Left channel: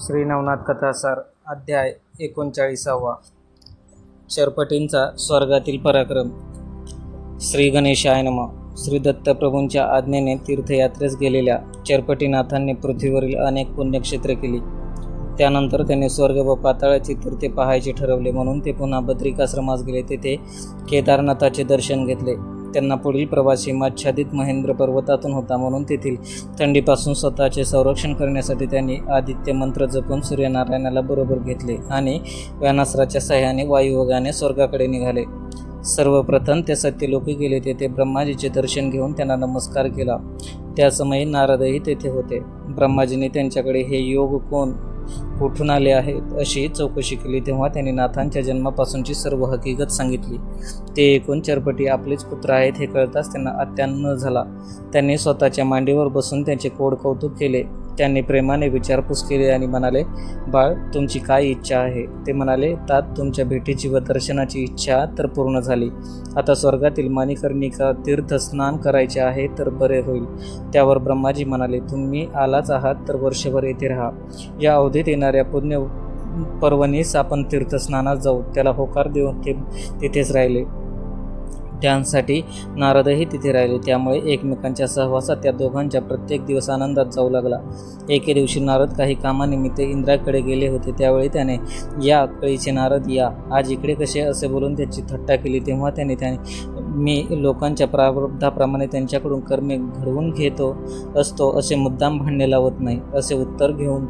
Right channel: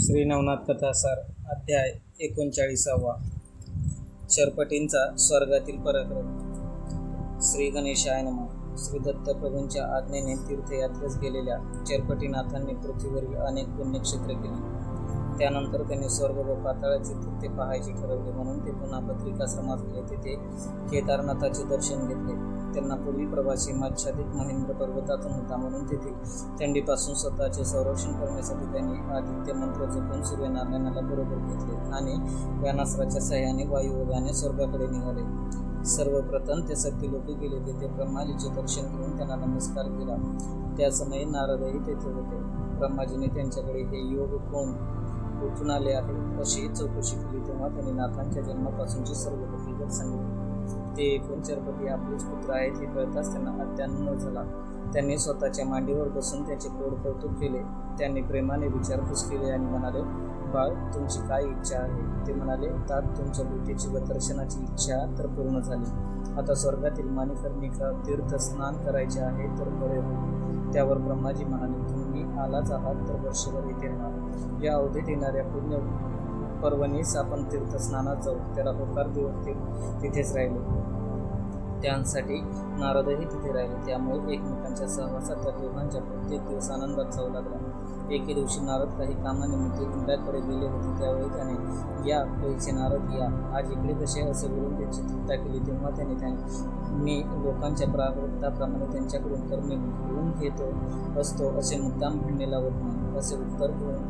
श्री नवनाथ कथासार अध्याय एकोणचाळीसावा. चरपटींचा स्वर्गातील पराक्रम. श्री गणेशाय नम. श्री दत्तप्रभूंच्या आज्ञेने तीर्थयात्रेस गेलेल्या चरपटीनाथांनी पृथ्वीवरील अनेक पुण्यक्षेत्रे केली. त्यानंतर त्यांनी स्वर्ग व पाताळाची तीर्थे पाहायचे ठरवले म्हणून ते पुन्हा बद्रिकाश्रमास गेले. तेथे केदारनाथाचे दर्शन घेतले. त्यांना पुढील प्रवासी माच्छादित महेंद्र पर्वतातून होता म्हणून तेथील थंडीपासून स्वतःचे संरक्षण करण्यासाठी त्यांनी आदित्य मंत्र जपून सूर्यनारायणाला बरोबर घेतले आणि व्यानास्त्राच्या सहाय्याने वायुयोगाने स्वर्गाकडे निघाले. सर्वप्रथम ते सत्यलोकी गेले तेथे ब्रह्माजीचे दर्शन घेऊन त्यांना नमस्कार केला. त्या समयी नारदही तेथे होते. ब्रह्माजीने त्यांच्याकडे हे योग कोण? कुठून आले आहेत अशी चौकशी केली तेव्हा त्यांनी नाथांच्या जन्मापासूनची सर्व हकीकत सांगितली. ते एकूण चरपटी आपलेच पुत्र आहेत हे कळताच त्यांना अत्यान्न झाला. त्यांनी स्वतःच्या मांडीवर बसून त्यांचे कोड कौतुक केले. त्यांनी प्रेमाने विचारपूस केली आणि म्हणाले बाळ तुमची काय इच्छा आहे? ते म्हणाले तात तुमच्या भेटीची व दर्शनाची इच्छा तर पूर्ण झाली. आता स्वर्गातील माणिकर्णिका तीर्थस्नान करायचे आहे तर बरे होईल. त्यावर ब्रह्माजी म्हणाले तुम्ही आलाच आहात तर वर्षभर येथे राहा. या अवधीत येणाऱ्या पुण्य पर्वणीस आपण तीर्थस्नानात जाऊ. त्याला होकार देऊन ते तिथेच राहिले. त्यांसाठी नारदही तिथे राहिले. त्यामुळे एकमेकांच्या सहवासात त्या दोघांच्या प्रत्येक दिवस आनंदात जाऊ लागला. एके दिवशी नारद काही कामानिमित्त इंद्राकडे गेले होते. त्यावेळी त्याने या कळीचे नारद या. आज इकडे कसे असे बोलून त्याची थट्टा केली. तेव्हा त्याने त्याने मी लोकांच्या प्रारब्धाप्रमाणे त्यांच्याकडून कर्मे घडवून घेतो असतो असे मुद्दाम भांडणे लावत नाही असे उत्तर घेऊन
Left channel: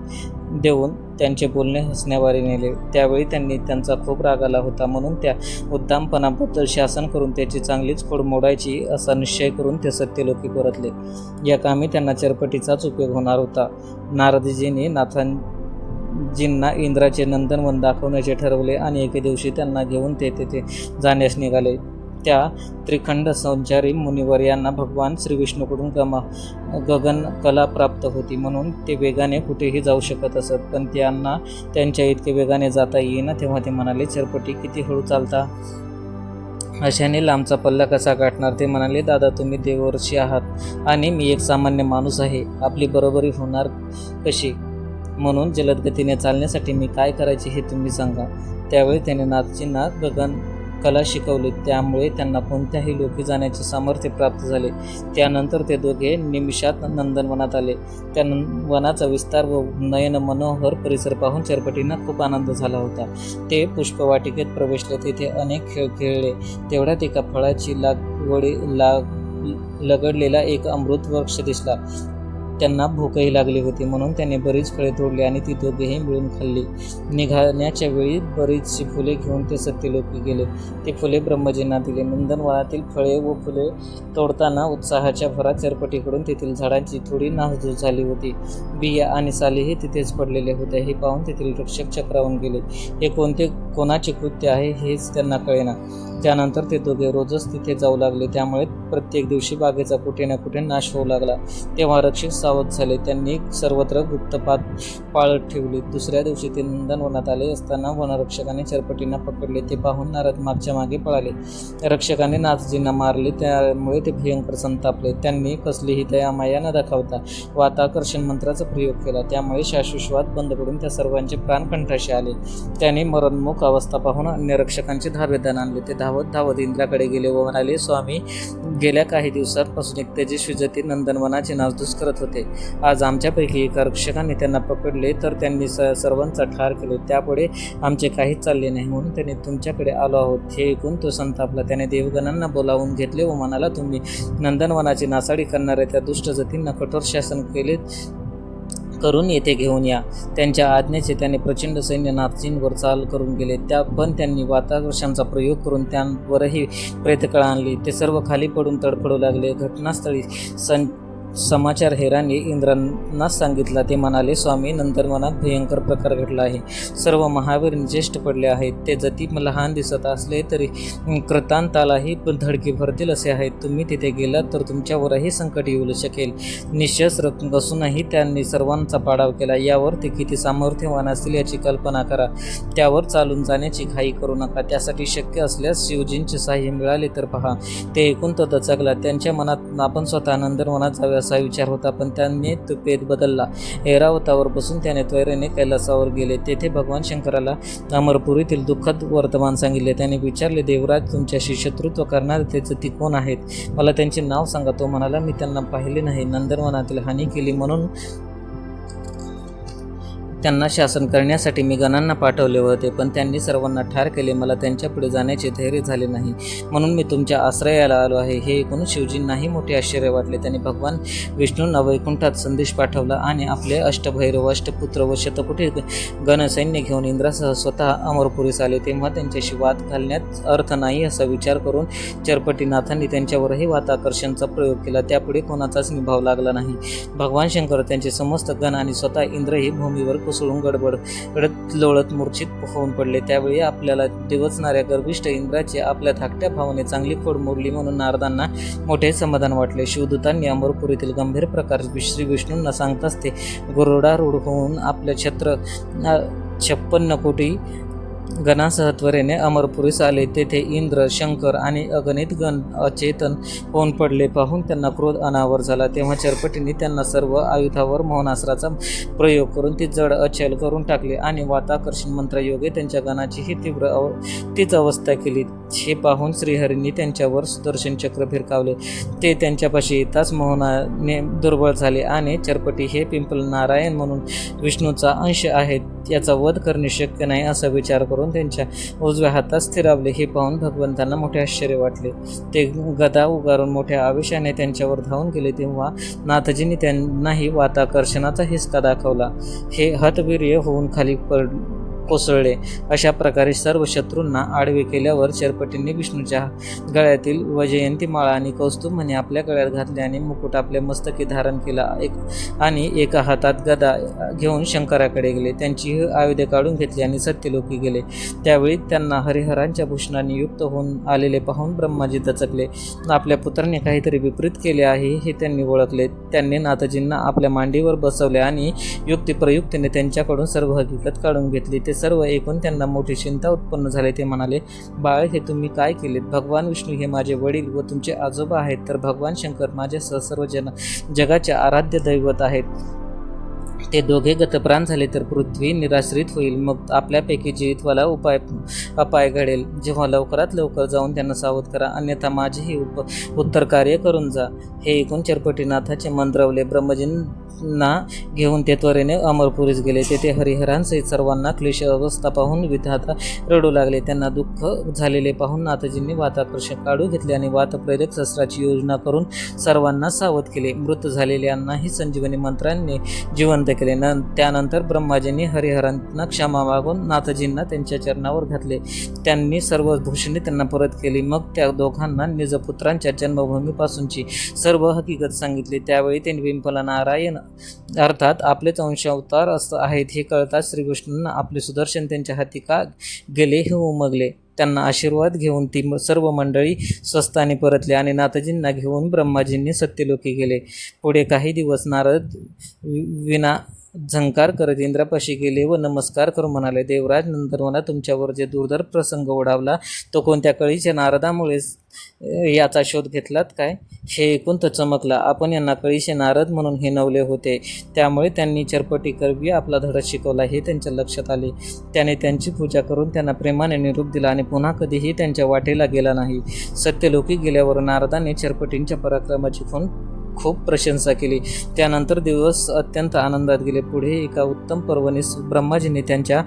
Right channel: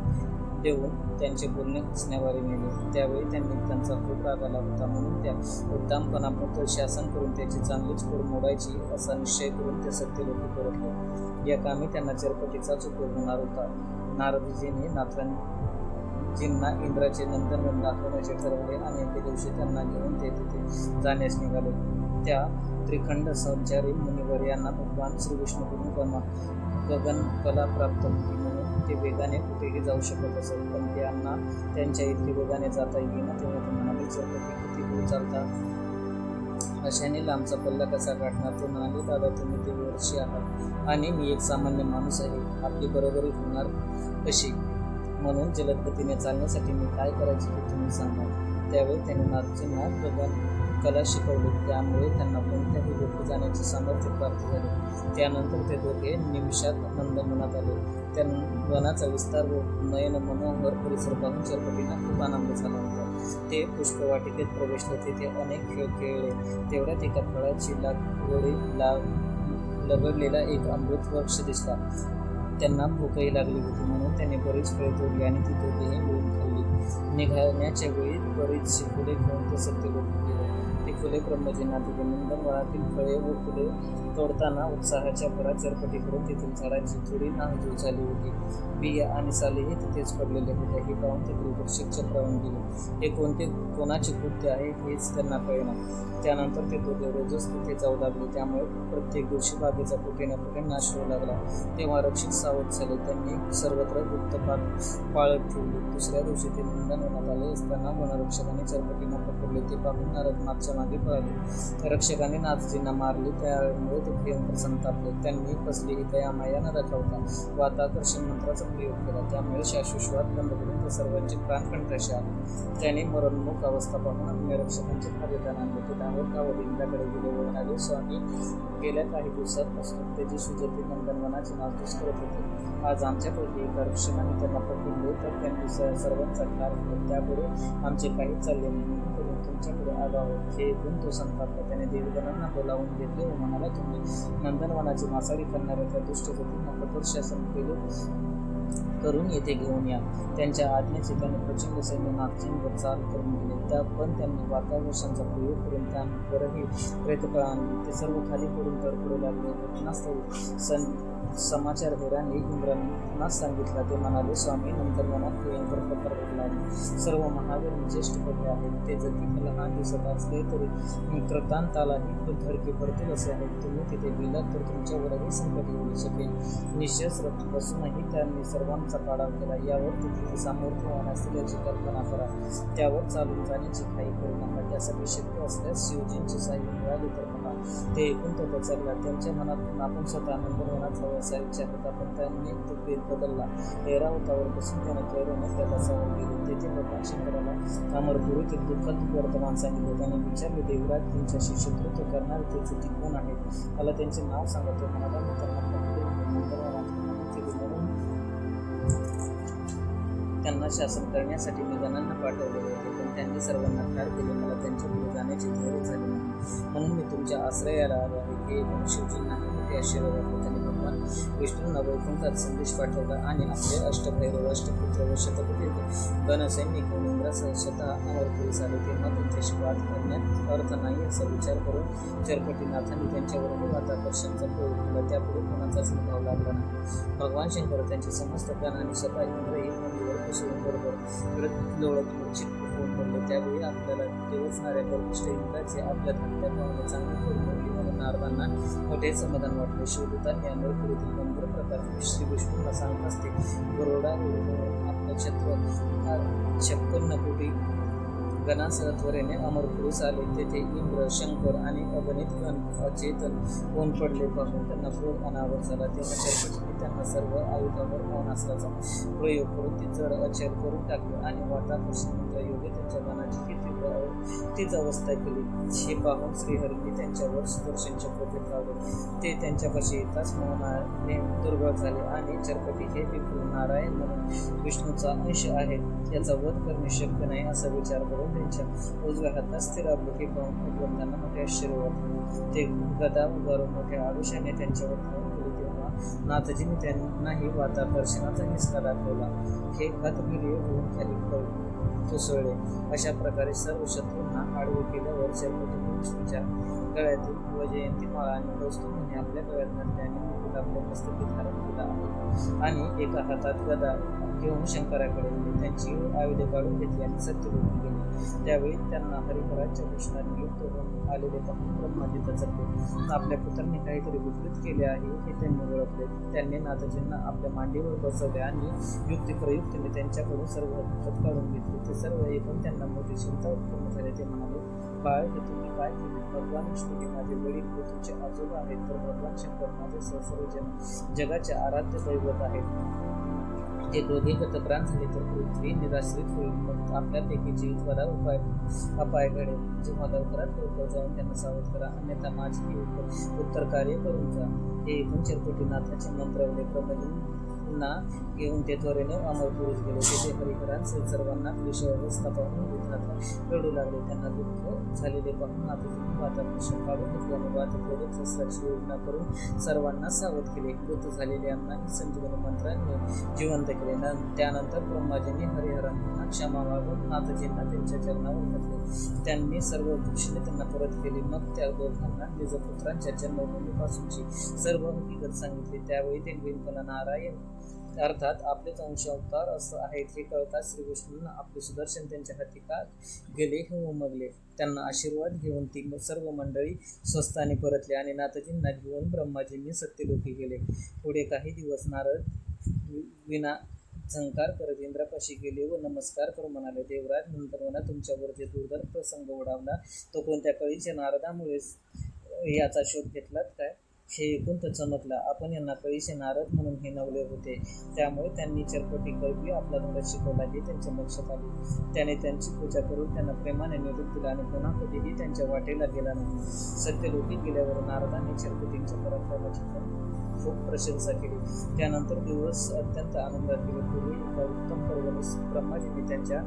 देऊन त्यांचे बोलणे हसण्यावारे नेले. त्यावेळी त्यांनी त्यांचा खूप राग आला होता म्हणून त्या उद्दामपणाबद्दल शासन करून त्याची चांगलीच खोड मोडायची असा निश्चय करून ते सत्यलोकी परतले. या कामी त्यांना चरपटीचाच उपयोग होणार होता. नारदजींनी नाथांजींना इंद्राचे नंदनवन दाखवण्याचे ठरवले आणि एके दिवशी त्यांना घेऊन ते तेथे जाण्यास निघाले. त्या त्रिखंड संचारी मुनिवर यांना भगवान श्रीविष्णूकडून गमा गगन कला प्राप्त होती. म्हणून ते वेगाने कुठेही जाऊ शकत असत. पण त्यांना त्यांच्या इतके वेगाने जाता येईना तेव्हा ते म्हणाले चरपटी किती हळू चालता? अशाने लांबचा पल्ला कसा गाठणार? ते म्हणाले दादा तुम्ही देवर्षी आहात आणि मी एक सामान्य माणूस आहे. आपली बरोबरी होणार कशी? म्हणून जलदगतीने चालण्यासाठी मी काय करायचे हे तुम्ही सांगा. त्यावेळी त्याने नाथची नाथ गगन कला शिकवली. त्यामुळे त्यांना कोणत्याही लोकी जाण्याचे सामर्थ्य प्राप्त झाले. त्यानंतर ते दोघे निमिषात नंदनवनात आले. त्या वनाचा विस्तार व नयन मनोहर परिसर पाहून चरपटींना खूप आनंद झाला होता. ते पुष्पवाटिकेत प्रवेशले. तेथे अनेक खेळ खेळले. तेवढ्यात एका फळाची लागवडी लाग लगडलेला एक अमृत वृक्ष दिसला. त्यांना भूकही लागली होती म्हणून त्यांनी बरीच फळे तोडली आणि ती दोघेही मिळून खाल्ली. निघाण्याच्या वेळी बरीचशी फुले घेऊन ते सत्यलोकी गेले. ती फुले ब्रह्मजींना दिले. नंदनवनातील फळे व फुले तोडताना उत्साहाच्या भरात चरपटीकडून तेथील झाडांची थोडी नासधूस झाली होती. बिया आणि सालीही तिथेच पडलेले होते. हे पाहून तेथील रक्षक चक्रावून गेले. हे कोणते कोणाचे कृत्य आहे हेच त्यांना कळेना. त्यानंतर ते दोघे रोजच तिथे जाऊ लागले. त्यामुळे प्रत्येक दिवशी बागेचा कुठे ना कुठे नाश होऊ लागला. तेव्हा रक्षक सावध झाले. त्यांनी सर्वत्र गुप्तपात पाळत ठेवली. दुसऱ्या दिवशी ते नंदनवनात आले असताना वनरक्षकाने चरपटींना पकडले. ते पाहून नारद मागच्या मागे पळाले. रक्षकाने नाथजींना मारले. त्यामुळे ते भयंकर संतापले. त्यांनी कसलीही दयामाया न दाखवता वाताकर्षण मंत्राचा प्रयोग केला. त्यामुळे शाश्वश्वात बंद पडून त्या सर्वांचे प्राण कंठाशी आले. त्याने मरणमुख अवस्था पाहून अन्य रक्षकांचे धारवेदान आणले. ते धावत धावत इंद्राकडे गेले व म्हणाले स्वामी गेल्या काही दिवसांपासून एक तेजस्वी जती नंदनवनाचे नासधूस करत होते. आज आमच्यापैकी एका रक्षकाने त्यांना पकडले तर त्यांनी स सर्वांचा ठार केले. त्यापुढे आमचे काहीच चालले नाही. म्हणून त्यांनी तुमच्याकडे आलो आहोत. हे ऐकून तो संतापला. त्याने देवगणांना बोलावून घेतले व म्हणाला तुम्ही नंदनवनाची नासाडी करणाऱ्या त्या दुष्ट जतींना कठोर शासन केले करून येथे घेऊन या. त्यांच्या आज्ञेचे त्याने प्रचंड सैन्य नाथजींवर चाल करून गेले. त्या पण त्यांनी वातावरणाचा प्रयोग करून त्यांवरही प्रेतकळा आणली. ते सर्व खाली पडून तडफडू लागले. घटनास्थळी सं समाचार हेरांनी इंद्रांना सांगितला. ते म्हणाले स्वामी नंदनवनात भयंकर प्रकार घडला आहे. सर्व महावीर ज्येष्ठ पडले आहेत. ते जती लहान दिसत असले तरी कृतांतालाही धडकी भरतील असे आहेत. तुम्ही तिथे गेलात तर तुमच्यावरही संकट येऊ शकेल. निशस्त्र असूनही त्यांनी सर्वांचा पाडाव केला. यावर ते किती सामर्थ्यवान असतील याची कल्पना करा. त्यावर चालून जाण्याची घाई करू नका. त्यासाठी शक्य असल्यास शिवजींचे साह्य मिळाले तर पहा. ते ऐकून तो दचकला त्यांच्या मनात आपण स्वतः नंदनवनात जावे असा विचार होता पण त्यांनी तो पेद बदलला. ऐरावतावर बसून त्याने त्वरेने कैलासावर गेले. तेथे भगवान शंकराला अमरपुरीतील दुःखद वर्तमान सांगितले. त्याने विचारले देवराज तुमच्याशी शत्रुत्व करणारे त्याचे ती कोण आहेत. मला त्यांचे नाव सांगा. तो म्हणाला मी त्यांना पाहिले नाही. नंदनवनातील हानी केली म्हणून त्यांना शासन करण्यासाठी मी गणांना पाठवले होते पण त्यांनी सर्वांना ठार केले. मला त्यांच्यापुढे जाण्याचे धैर्य झाले नाही. म्हणून मी तुमच्या आश्रयाला आलो आहे. हे ऐकून शिवजींनाही मोठे आश्चर्य वाटले. त्यांनी भगवान विष्णूंना वैकुंठात संदेश पाठवला आणि आपले अष्टभैरव अष्टपुत्र व शतपुटी गणसैन्य घेऊन इंद्रासह स्वतः अमरपुरीस आले. तेव्हा त्यांच्याशी वाद घालण्यात अर्थ नाही असा विचार करून चरपटीनाथांनी त्यांच्यावरही वाताकर्षणचा प्रयोग केला. त्यापुढे कोणाचाच निभाव लागला नाही. भगवान शंकर त्यांचे समस्त गण आणि स्वतः इंद्रही भूमीवर कोसळून गडबड रडत लोळत मूर्छित होऊन पडले. त्यावेळी आपल्याला दिवसणाऱ्या गर्भिष्ठ इंद्राची आपल्या धाकट्या भावाने चांगली खोड मोडली म्हणून नारदांना मोठे समाधान वाटले. शिवदूतांनी अमरपुरीतील गंभीर प्रकार श्री विष्णूंना सांगताच ते गुरुडारूढ होऊन आपल्या छत्र छप्पन्न कोटी गणासह त्वरेने अमरपुरीस आले तेथे इंद्र शंकर आणि अगणित गण अचेतन होऊन पडले. पाहून त्यांना क्रोध अनावर झाला. तेव्हा चरपटींनी त्यांना सर्व आयुधावर मौनास्त्राचा प्रयोग करून ती जड अचल करून टाकले आणि वाताकर्षण मंत्रयोगे त्यांच्या गणाची ही तीव्र अव तीच अवस्था केली. हे पाहून श्रीहरींनी त्यांच्यावर सुदर्शन चक्र फिरकावले. ते त्यांच्यापाशी येताच मोहनाने दुर्बळ झाले आणि चरपटी हे पिंपल नारायण म्हणून विष्णूचा अंश आहेत याचा वध करणे शक्य नाही असा विचार करून त्यांच्या उजव्या हातात स्थिरावले. हे पाहून भगवंतांना मोठे आश्चर्य वाटले. ते गदा उगारून मोठ्या आवेशाने त्यांच्यावर धावून गेले तेव्हा नाथजींनी त्यांनाही वाताकर्षणाचा हिसका दाखवला. हे हतवीर्य होऊन खाली पड कोसळले. अशा प्रकारे सर्व शत्रूंना आडवे केल्यावर चरपटींनी विष्णूच्या गळ्यातील वजयंती माळा आणि कौस्तुभ म्हणे आपल्या गळ्यात घातले आणि मुकुट आपल्या मस्तकी धारण केला. एक आणि एका हातात गदा घेऊन शंकराकडे गेले. त्यांची आयुधे काढून घेतली आणि सत्यलोकी गेले. त्यावेळी त्यांना हरिहरांच्या भूषणाने युक्त होऊन आलेले पाहून ब्रह्माजी दचकले. आपल्या पुत्राने काहीतरी विपरीत केले आहे हे त्यांनी ओळखले. त्यांनी नाथजींना आपल्या मांडीवर बसवले आणि युक्तिप्रयुक्तीने त्यांच्याकडून सर्व हकीकत काढून घेतली. ते सर्व ऐकून त्यांना मोठी चिंता उत्पन्न झाली. ते म्हणाले बाळ हे तुम्ही काय केलेत? भगवान विष्णू हे माझे वडील व तुमचे आजोबा आहेत. तर भगवान शंकर माझ्यासह सर्व जन जगाचे आराध्य दैवत आहेत. ते दोघे गतप्राण झाले तर पृथ्वी निराश्रित होईल. मग आपल्यापैकी जीवितवाला उपाय अपाय घडेल जेव्हा लवकरात लवकर जाऊन त्यांना सावध करा. अन्यथा माझेही उप उत्तर कार्य करून जा. हे ऐकून चरपटीनाथाचे मंत्रवले ब्रह्मजीन घेऊन ते त्वरेने अमरपुरीस गेले. तेथे हरिहरांसहित सर्वांना क्लेश अवस्था पाहून विधाता रडू लागले. त्यांना दुःख झालेले पाहून नाथजींनी वाताकर्षण काढू घेतले आणि वातप्रेरक शस्त्राची योजना करून सर्वांना सावध केले. मृत झालेल्यांनाही संजीवनी मंत्रांनी जिवंत केले. न त्यानंतर ब्रह्माजींनी हरिहरांना क्षमा मागून नाथजींना त्यांच्या चरणावर घातले. त्यांनी सर्व भूषणे त्यांना परत केली. मग त्या दोघांना निजपुत्रांच्या जन्मभूमीपासूनची सर्व हकीकत सांगितली. त्यावेळी त्यांनी विंपला नारायण अर्थात आपलेच अंशावतार असं आहेत हे कळताच श्रीकृष्णांना आपले सुदर्शन त्यांच्या हाती का गेले हे उमगले. त्यांना आशीर्वाद घेऊन ती म- सर्व मंडळी स्वस्ताने परतले आणि नाथजींना घेऊन ब्रह्माजींनी सत्यलोकी गेले. पुढे काही दिवस नारद वि- विना झंकार करत इंद्रापाशी गेले व नमस्कार करून म्हणाले देवराज नंतर मला तुमच्यावर जे दुर्धर प्रसंग ओढावला तो कोणत्या कळीच्या नारदामुळेच याचा शोध घेतलात काय? हे ऐकून तो चमकला. आपण यांना कळीचे नारद म्हणून हिनवले होते. त्यामुळे त्यांनी चरपटी करवी आपला धडा शिकवला हे त्यांच्या लक्षात आले. त्याने त्यांची पूजा करून त्यांना प्रेमाने निरूप दिला आणि पुन्हा कधीही त्यांच्या वाटेला गेला नाही. सत्यलोकी गेल्यावर नारदाने चरपटींच्या पराक्रमाची खून खूप प्रशंसा केली. त्यानंतर दिवस अत्यंत आनंदात गेले. पुढे एका उत्तम पर्वणीस ब्रह्माजींनी त्यांच्या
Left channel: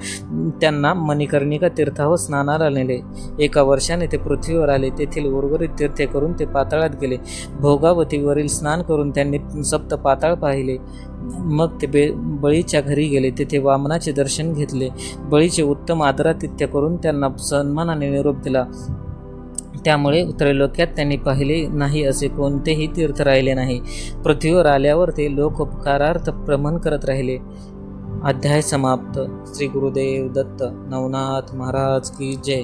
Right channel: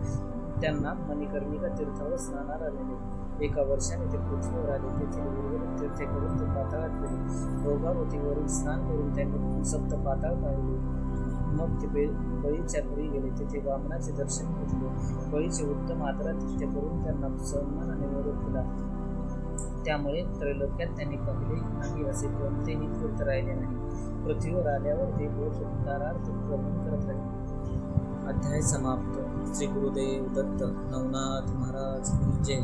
त्यांना मणिकर्णिका तीर्थावर स्नानाला नेले. एका वर्षाने ते पृथ्वीवर आले. तेथील उर्वरित तीर्थे करून ते पाताळात गेले. भोगावतीवरील स्नान करून त्यांनी सप्त पाताळ पाहिले. मग ते बे बळीच्या घरी गेले. तेथे वामनाचे दर्शन घेतले. बळीचे उत्तम आदरातिथ्य करून त्यांना सन्मानाने निरोप दिला. त्यामुळे त्रैलोक्यात त्यांनी पाहिले नाही असे कोणतेही तीर्थ राहिले नाही. पृथ्वीवर आल्यावर ते लोक उपकारार्थ प्रमण करत राहिले. अध्याय समाप्त. श्री गुरुदेव दत्त नवनाथ महाराज की जय.